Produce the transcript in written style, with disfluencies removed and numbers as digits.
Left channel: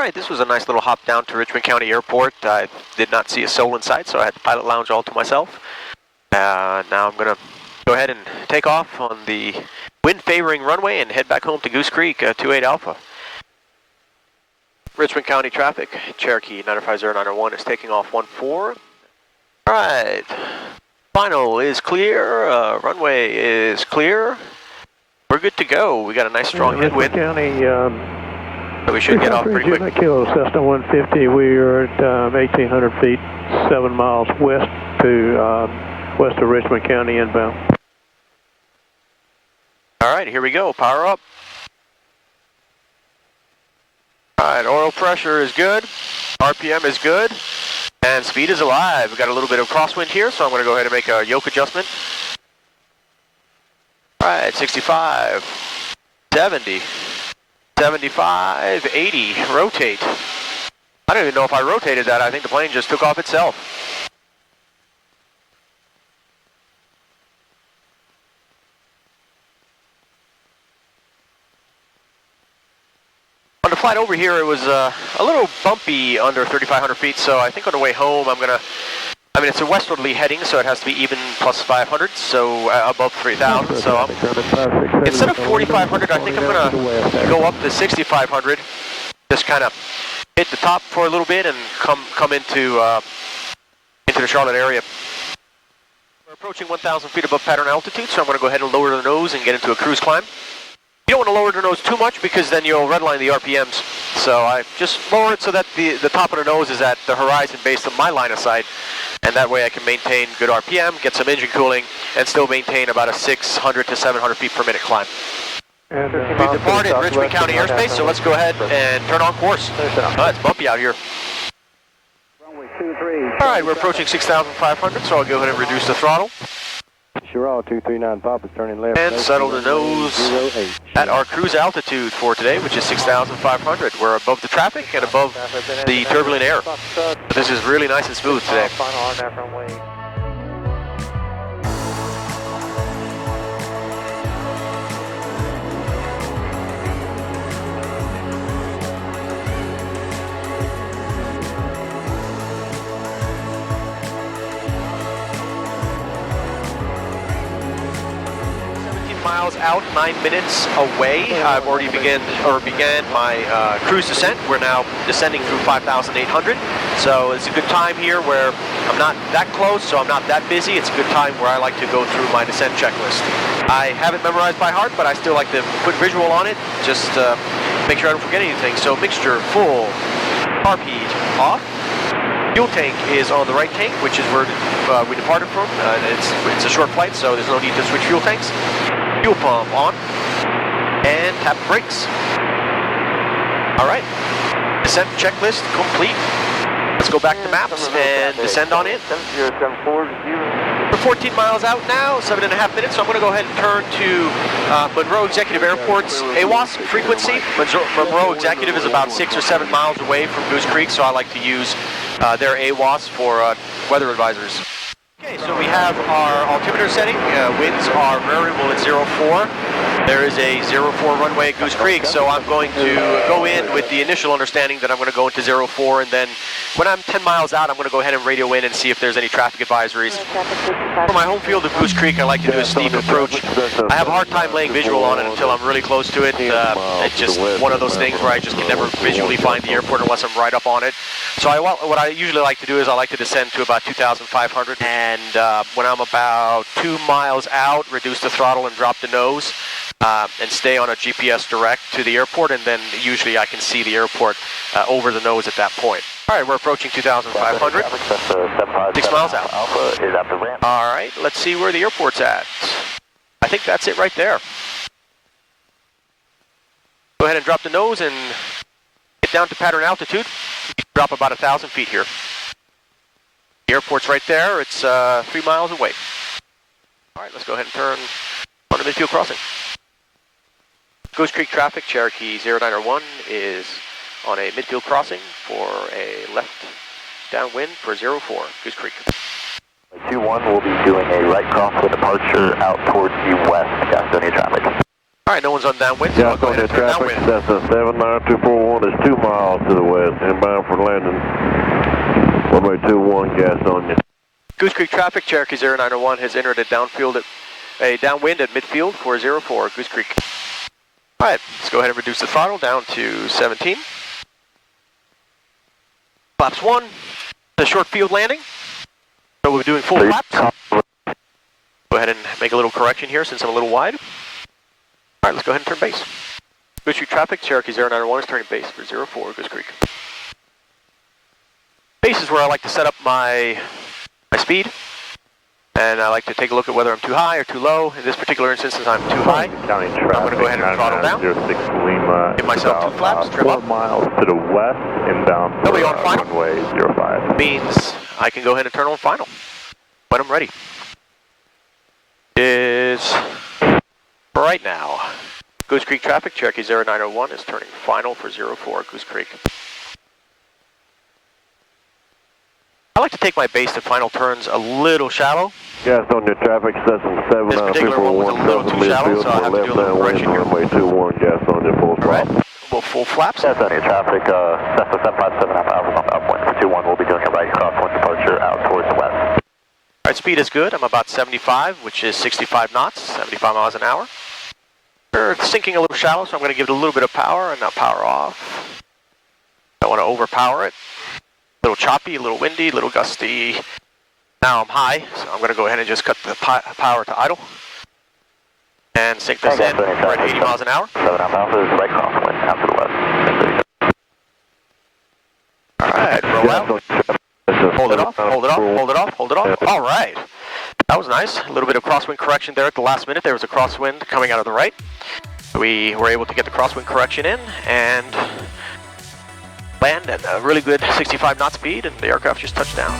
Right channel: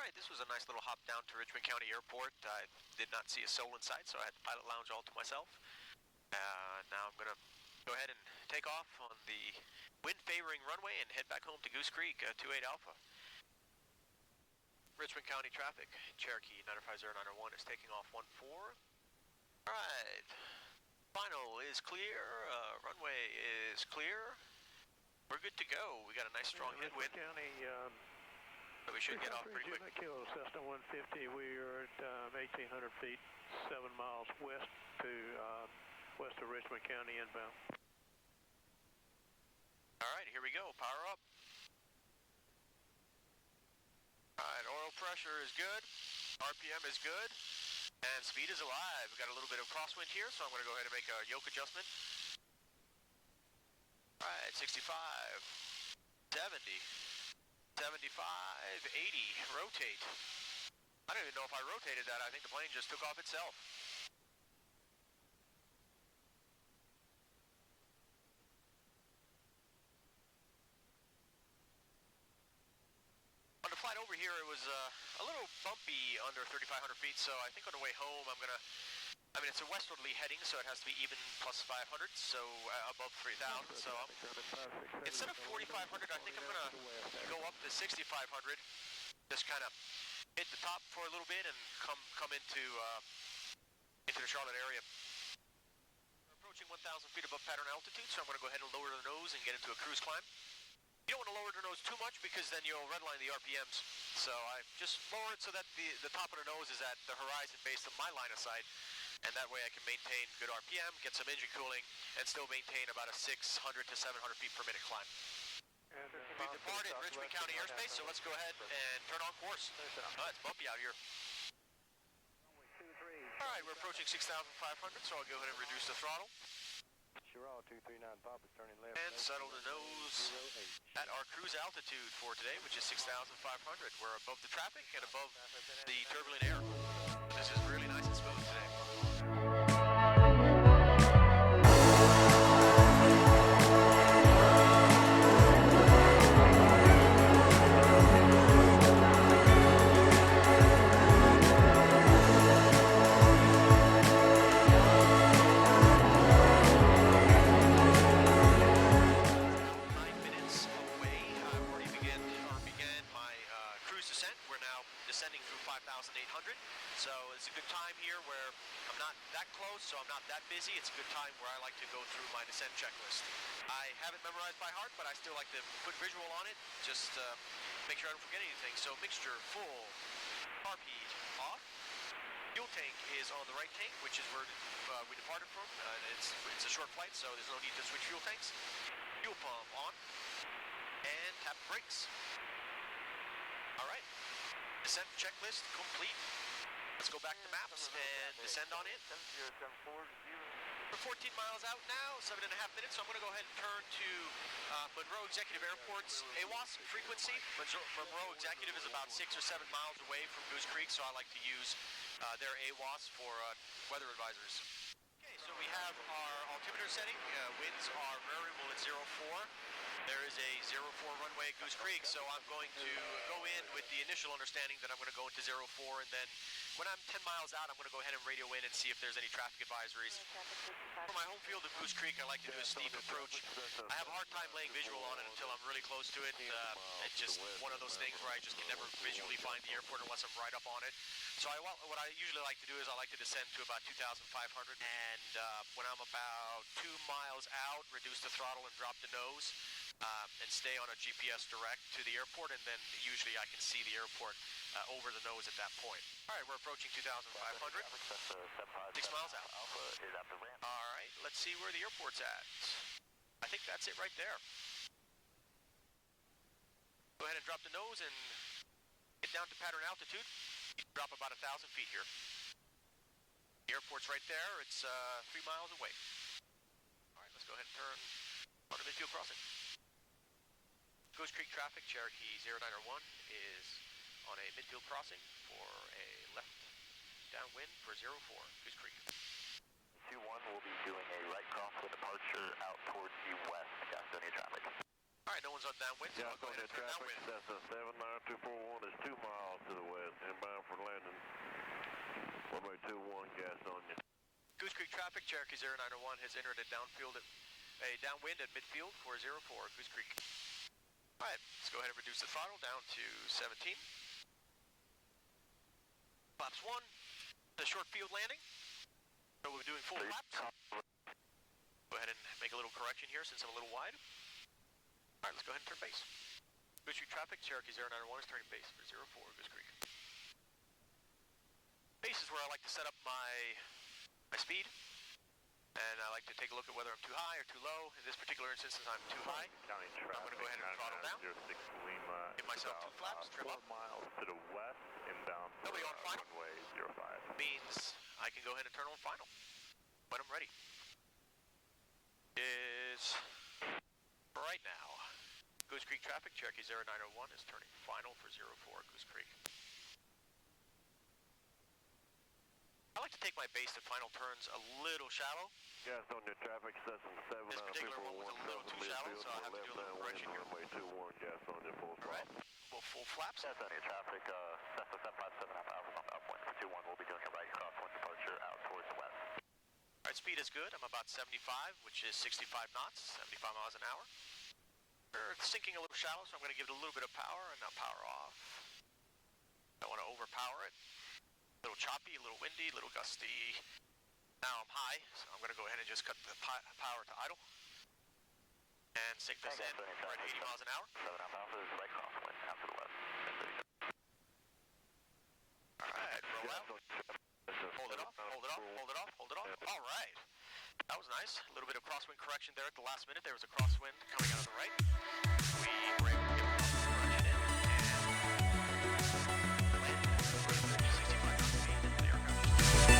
Alright, this was a nice little hop down to Richmond County Airport. I did not see a soul in sight, so I had the pilot lounge all to myself. Now I'm going to go ahead and take off on the wind-favoring runway and head back home to Goose Creek, 28 Alpha. Richmond County traffic, Cherokee 950-901 is taking off 14. Alright, final is clear, runway is clear. We're good to go. We got a nice strong headwind. County, so we should get off pretty quick. Kilo Cessna 150, we are at 1,800 feet, 7 miles west of Richmond County inbound. Alright, here we go, power up. Alright, oil pressure is good, RPM is good, and speed is alive. We've got a little bit of crosswind here, so I'm going to go ahead and make a yoke adjustment. Alright, 65, 70, 75, 80, rotate. I don't even know if I rotated that. I think the plane just took off itself. On the flight over here, it was a little bumpy under 3,500 feet, so I think on the way home it's a westwardly heading, so it has to be even plus 500, so above 3,000. So instead of 4,500, I think I'm going to go up to 6,500, just kind of hit the top for a little bit and come into the Charlotte area. We're approaching 1,000 feet above pattern altitude, so I'm going to go ahead and lower the nose and get into a cruise climb. You don't want to lower the nose too much because then you'll redline the RPMs. So I just lower it so that the top of the nose is at the horizon based on my line of sight. And that way I can maintain good RPM, get some engine cooling, and still maintain about a 600 to 700 feet per minut climb. And, we've departed Richmond County airspace, so let's go ahead and turn on course. It's bumpy out here. Alright, we're approaching 6,500, so I'll go ahead and reduce the throttle. Sherrod 239 Pop is turning left. And settle the nose at our cruise altitude for today, which is 6,500. We're above the traffic and above the turbulent air. But this is really nice and smooth today. 15 miles out, 9 minutes away. I've already began my cruise descent. We're now descending through 5,800. So it's a good time here where I'm not that close, so I'm not that busy. It's a good time where I like to go through my descent checklist. I have it memorized by heart, but I still like to put visual on it, just make sure I don't forget anything. So mixture full, carb heat off. Fuel tank is on the right tank, which is where we departed from. It's a short flight, so there's no need to switch fuel tanks. Fuel pump on, and tap the brakes. All right, descent checklist complete. Let's go back to maps and descend on it. We're 14 miles out now, 7.5 minutes, so I'm going to go ahead and turn to Monroe Executive Airport's AWAS frequency. Monroe Executive is about 6 or 7 miles away from Goose Creek, so I like to use their AWAS for weather advisors. Okay, so we have our altimeter setting. Winds are variable at 04. There is a 04 runway at Goose Creek, so I'm going to go in with the initial understanding that I'm going to go into 04, and then when I'm 10 miles out, I'm going to go ahead and radio in and see if there's any traffic advisories. For my home field of Goose Creek, I like to do a steep approach. I have a hard time laying visual on it until I'm really close to it. It's just one of those things where I just can never visually find the airport unless I'm right up on it. So what I usually like to do is I like to descend to about 2,500, and when I'm about 2 miles out, reduce the throttle and drop the nose. And stay on a GPS direct to the airport, and then usually I can see the airport over the nose at that point. All right, we're approaching 2,500, 6 miles out. All right, let's see where the airport's at. I think that's it right there. Go ahead and drop the nose and get down to pattern altitude. You can drop about 1,000 feet here. The airport's right there. It's 3 miles away. All right, let's go ahead and turn on the midfield crossing. Goose Creek traffic, Cherokee 0901 is on a midfield crossing for a left downwind for 04, Goose Creek. 21 will be doing a right cross with departure out towards the west, Gastonia traffic. All right, no one's on downwind, so I'll Gas go on ahead your and turn traffic, downwind. that's a 79241 is 2 miles to the west, inbound for landing. Runway 21, gas on you. Goose Creek traffic, Cherokee 0901 has entered a downwind at midfield 404, Goose Creek. All right, let's go ahead and reduce the throttle down to 17. Flaps 1, the short field landing. So we're doing full flaps. Go ahead and make a little correction here since I'm a little wide. All right, let's go ahead and turn base. Goose Creek traffic, Cherokee 0901 is turning base for 04, Goose Creek. Base is where I like to set up my speed. And I like to take a look at whether I'm too high or too low. In this particular instance, since I'm too high, County I'm going to go ahead and throttle down. 06 Lima. Give myself 2 flaps, trim 4 up. miles to the west, inbound for Nobody on final? runway 05. Means I can go ahead and turn on final when I'm ready. Is right now. Goose Creek traffic, Cherokee 0901 is turning final for 04, Goose Creek. I like to take my base to final turns a little shallow. Gas on your traffic, Cessna This particular one was a little too shallow, so I have to do a little correction here. Runway 21, gas on your full All right, throttle. well, full flaps. Gas on your traffic, Cessna 757 hours on the upwind for 21. We'll be doing a right crosswind departure out towards the west. All right, speed is good. I'm about 75, which is 65 knots, 75 miles an hour. We're sinking a little shallow, so I'm going to give it a little bit of power and now power off. Don't want to overpower it. A little choppy, a little windy, a little gusty. Now I'm high, so I'm going to go ahead and just cut the power to idle. And sink this in. We're at 80 miles an hour. 7 Alpha is right crosswind out to the west. All right, roll out. Hold it off, hold it off, hold it off, hold it off. All right. That was nice. A little bit of crosswind correction there at the last minute. There was a crosswind coming out of the right. We were able to get the crosswind correction in and land at a really good 65 knot speed, and the aircraft just touched down.